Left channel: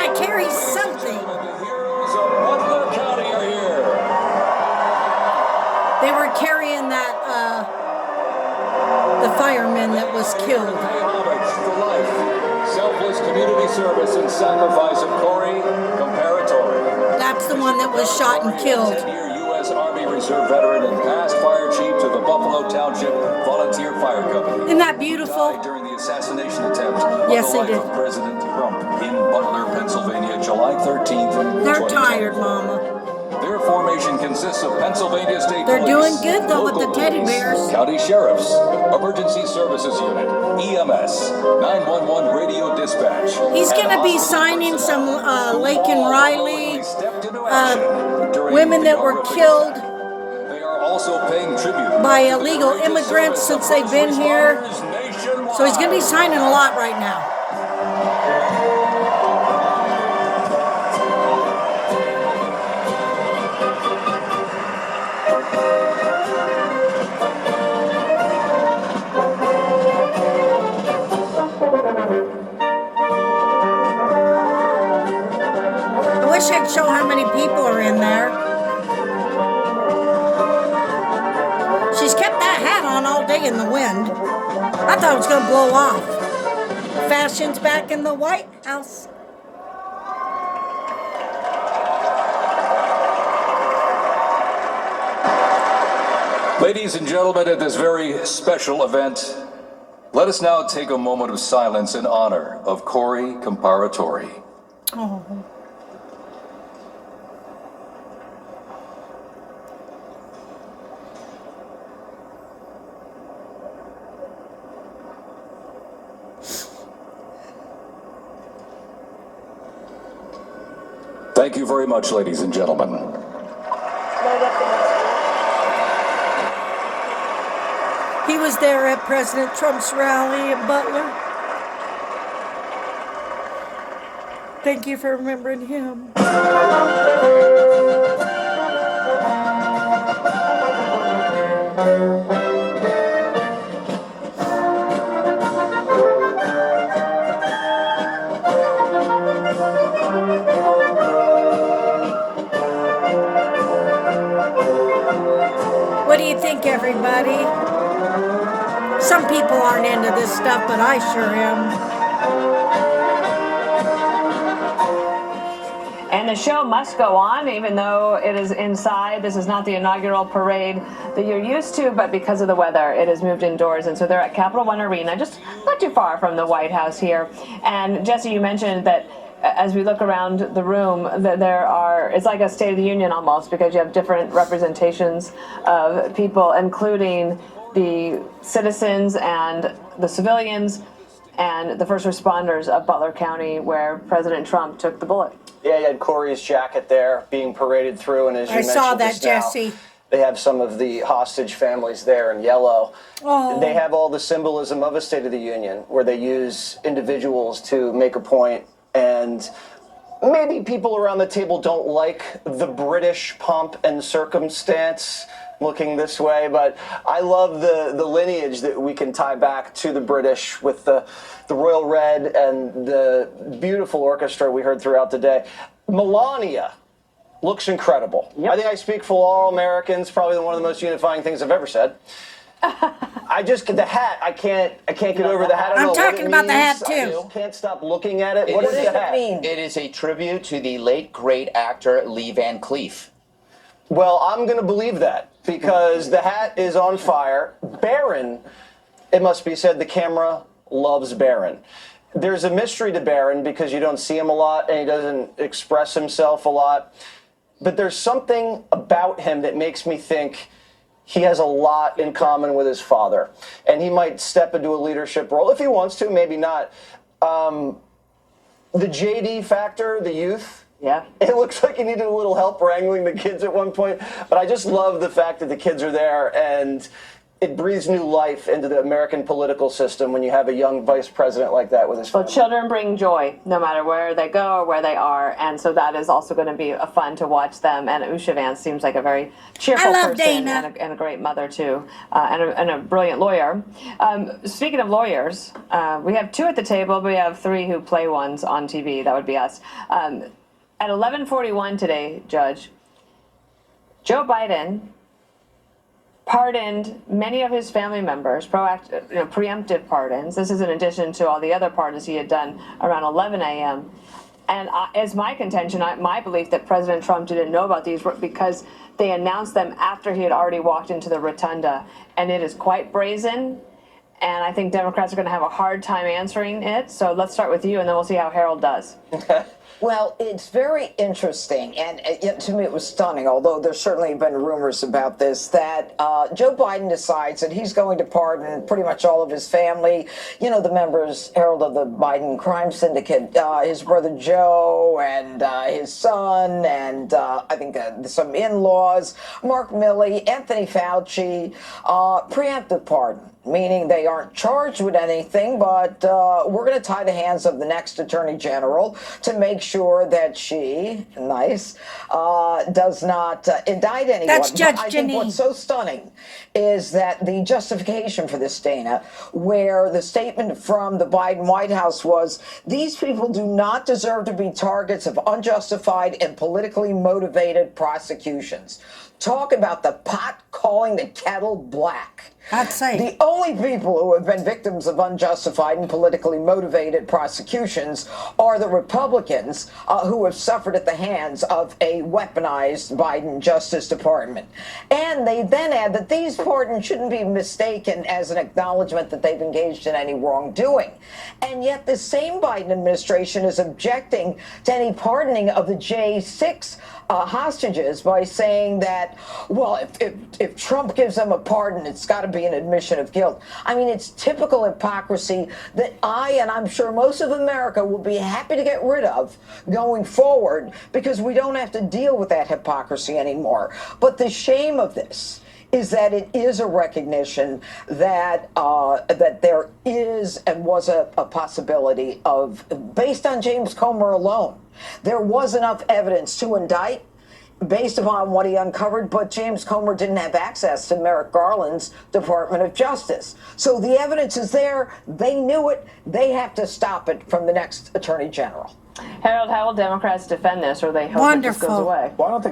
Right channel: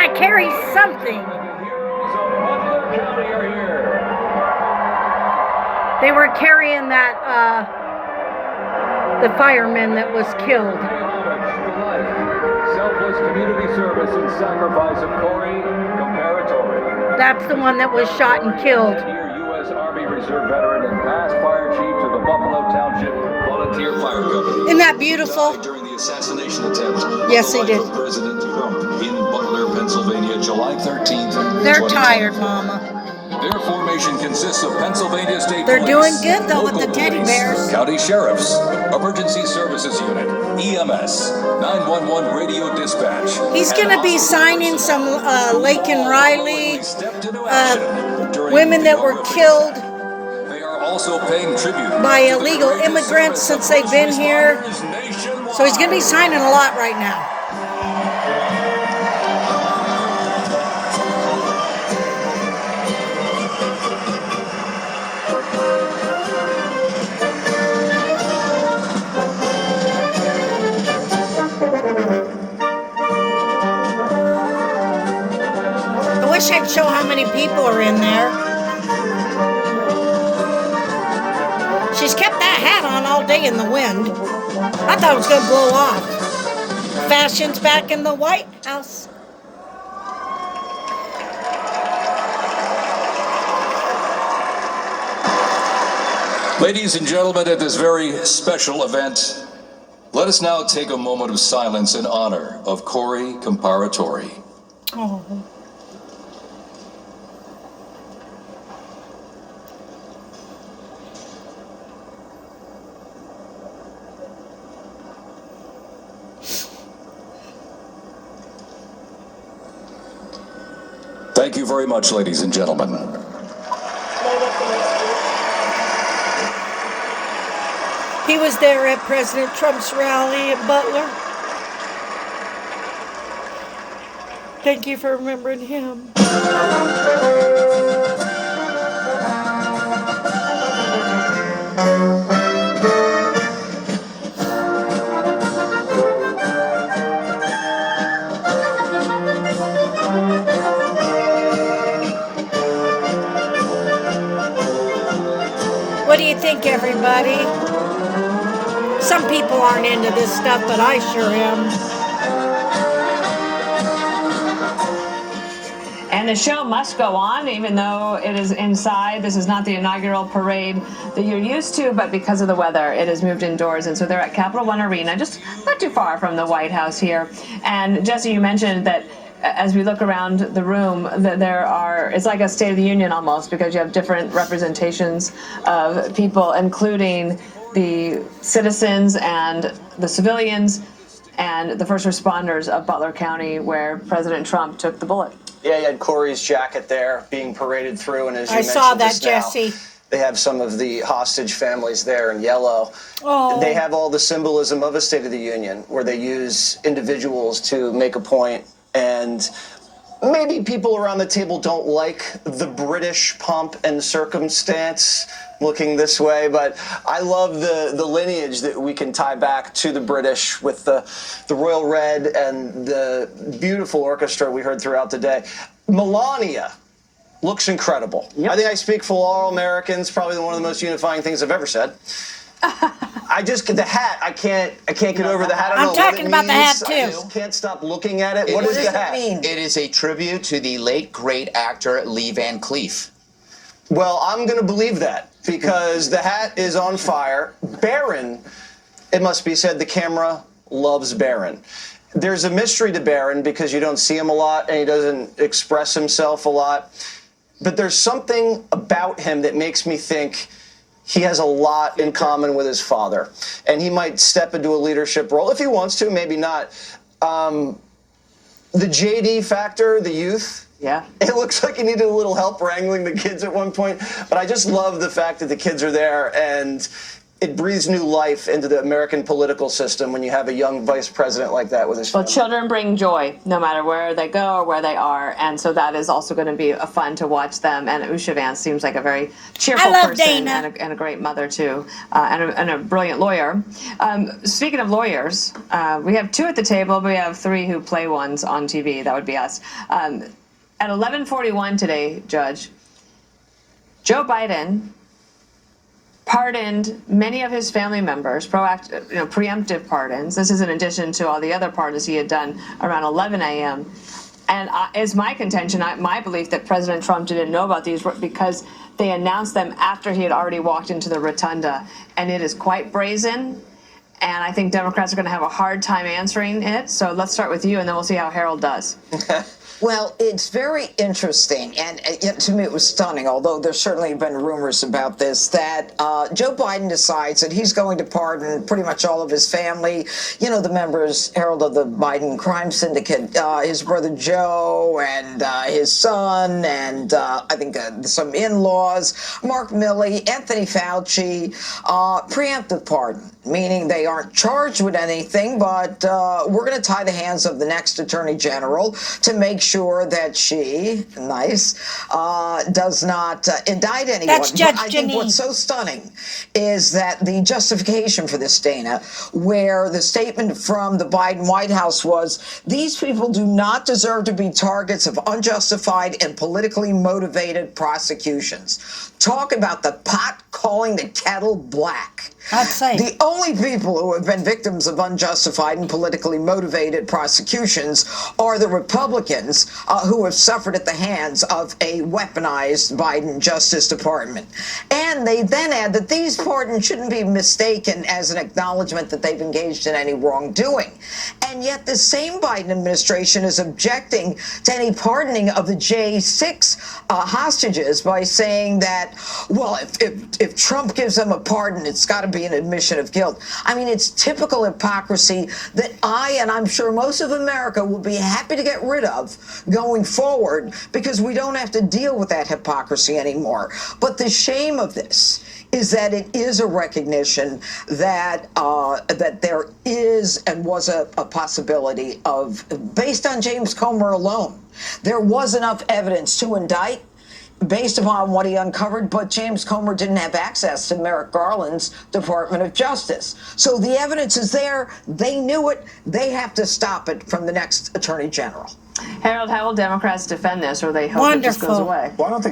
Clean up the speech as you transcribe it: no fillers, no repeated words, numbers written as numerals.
I carry something. They were carrying that, the fireman that was killed. Selfless community service and sacrifice of Corey Comparatori. That's the one that was shot and killed. 10-year U.S. Army Reserve veteran and past fire chief to the Buffalo Township Volunteer Fire Company. Isn't that beautiful? Died during the assassination attempt. Yes, he did. Of President Trump in Butler, Pennsylvania, July 13th. They're tired, Mama. Their formation consists of Pennsylvania State They're Police, doing good, though, with the local teddy police, bears. County sheriffs, emergency services unit, EMS, 911 radio dispatch. He's going to be signing some Lake and Riley women that were killed They are also paying tribute by illegal immigrants since they've been here. So he's going to be signing a lot right now. I wish I'd show how many people are in there. She's kept that hat on all day in the wind. I thought it was going to blow off. Fashion's back in the White House. Ladies and gentlemen, at this very special event, let us now take a moment of silence in honor of Corey Comparatori. Oh. Thank you very much, ladies and gentlemen. He was there at President Trump's rally in Butler. Thank you for remembering him. What do you think, everybody? Some people aren't into this stuff, but I sure am. And the show must go on, even though it is inside. This is not the inaugural parade that you're used to, but because of the weather, it has moved indoors. And so they're at Capital One Arena, just not too far from the White House here. And Jesse, you mentioned that as we look around the room, that it's like a State of the Union almost, because you have different representations of people, including the citizens and the civilians and the first responders of Butler County, where President Trump took the bullet. Yeah, you had Corey's jacket there being paraded through, and as you mentioned saw that, just now, Jesse. they have some of the hostage families there in yellow. Oh. They have all the symbolism of a State of the Union, where they use individuals to make a point, and maybe people around the table don't like the British pomp and circumstance looking this way, but I love the lineage that we can tie back to the British with the royal red and the beautiful orchestra we heard throughout the day. Melania looks incredible. Yep. I think I speak for all Americans, probably one of the most unifying things I've ever said. The hat, I can't get over the hat. I'm talking about the hat too. I just can't stop looking at it. What does the hat mean? It is a tribute to the late great actor Lee Van Cleef. Well, I'm going to believe that because the hat is on fire. Barron, it must be said, the camera loves Barron. There's a mystery to Barron because you don't see him a lot and he doesn't express himself a lot. But there's something about him that makes me think he has a lot in common with his father. And he might step into a leadership role if he wants to, maybe not. The JD factor, the youth. Yeah. It looks like he needed a little help wrangling the kids at one point, but I just love the fact that the kids are there and it breathes new life into the American political system when you have a young vice president like that with his Well, family. children bring joy no matter where they go or where they are, and so that is also going to be fun to watch them. And Usha Vance seems like a very cheerful I love person Dana. and a great mother too, and a brilliant lawyer. Speaking of lawyers, we have two at the table, but we have three who play ones on TV. That would be us. At 11:41 today, Judge, Joe Biden pardoned many of his family members, preemptive pardons. This is in addition to all the other pardons he had done around 11 a.m. And it's my contention, my belief that President Trump didn't know about these because they announced them after he had already walked into the rotunda. And it is quite brazen. And I think Democrats are going to have a hard time answering it. So let's start with you, and then we'll see how Harold does. Well, it's very interesting, and to me it was stunning, although there's certainly been rumors about this, that Joe Biden decides that he's going to pardon pretty much all of his family, the members, Harold, of the Biden crime syndicate, his brother Joe and his son, and I think some in-laws, Mark Milley, Anthony Fauci, preemptive pardon, meaning they aren't charged with anything, but we're going to tie the hands of the next attorney general to make sure that she, does not indict anyone. That's Judge I think Janine. what's so stunning is that the justification for this, Dana, where the statement from the Biden White House was, these people do not deserve to be targets of unjustified and politically motivated prosecutions. Talk about the pot calling the kettle black. I'd say. The only people who have been victims of unjustified and politically motivated prosecutions are the Republicans who have suffered at the hands of a weaponized Biden Justice Department. And they then add that these pardons shouldn't be mistaken as an acknowledgement that they've engaged in any wrongdoing. And yet the same Biden administration is objecting to any pardoning of the J6 hostages by saying that, well, if Trump gives them a pardon, it's got to be an admission of guilt. I mean, it's typical hypocrisy that and I'm sure most of America will be happy to get rid of going forward because we don't have to deal with that hypocrisy anymore. But the shame of this is that it is a recognition that that there is and was a possibility of, based on James Comer alone, there was enough evidence to indict based upon what he uncovered, but James Comer didn't have access to Merrick Garland's Department of Justice. So the evidence is there. They knew it. They have to stop it from the next Attorney General. Harold, how will Democrats defend this, or they hope it just goes Wonderful. away? Well, I don't think